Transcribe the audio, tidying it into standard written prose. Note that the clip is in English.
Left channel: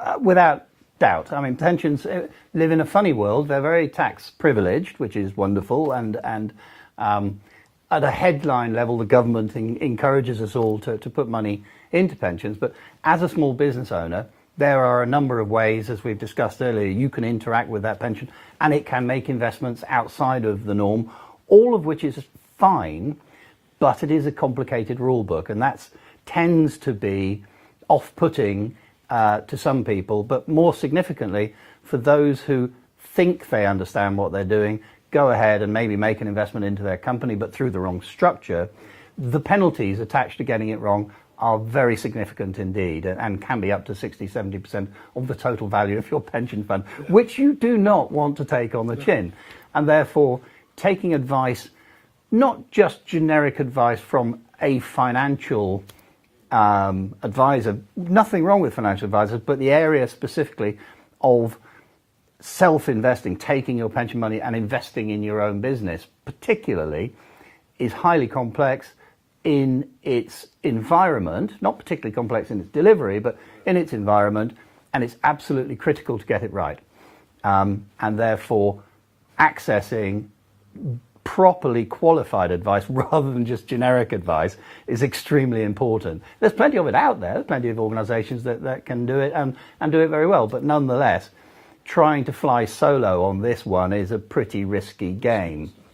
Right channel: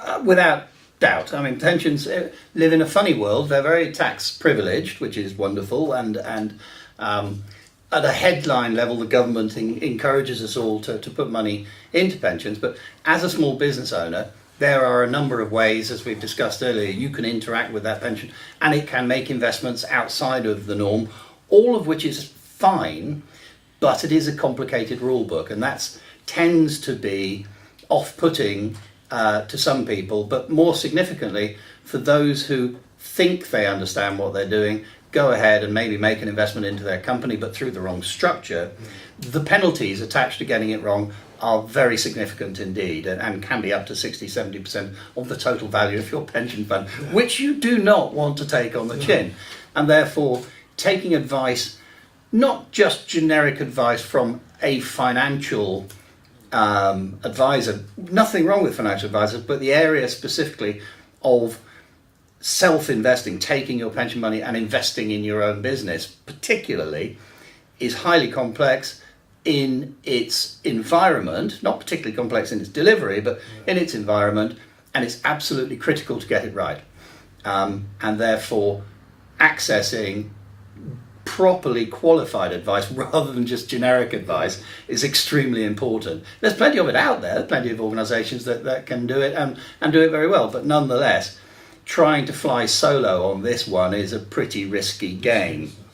Without doubt. I mean, pensions live in a funny world. They're very tax privileged, which is wonderful, and at a headline level, the government encourages us all to put money into pensions. But as a small business owner, there are a number of ways, as we've discussed earlier, you can interact with that pension, and it can make investments outside of the norm, all of which is fine, but it is a complicated rule book, and that tends to be off-putting to some people, but more significantly for those who think they understand what they're doing, go ahead and maybe make an investment into their company, but through the wrong structure. The penalties attached to getting it wrong are very significant indeed, and can be up to 60-70% of the total value of your pension fund, which you do not want to take on the chin. And therefore, taking advice, not just generic advice from a financial advisor, nothing wrong with financial advisors, but the area specifically of self-investing, taking your pension money and investing in your own business particularly, is highly complex in its environment, not particularly complex in its delivery, but in its environment, and it's absolutely critical to get it right. And therefore, accessing properly qualified advice rather than just generic advice is extremely important. There's plenty of it out there, plenty of organisations that can do it and do it very well, but nonetheless, trying to fly solo on this one is a pretty risky game.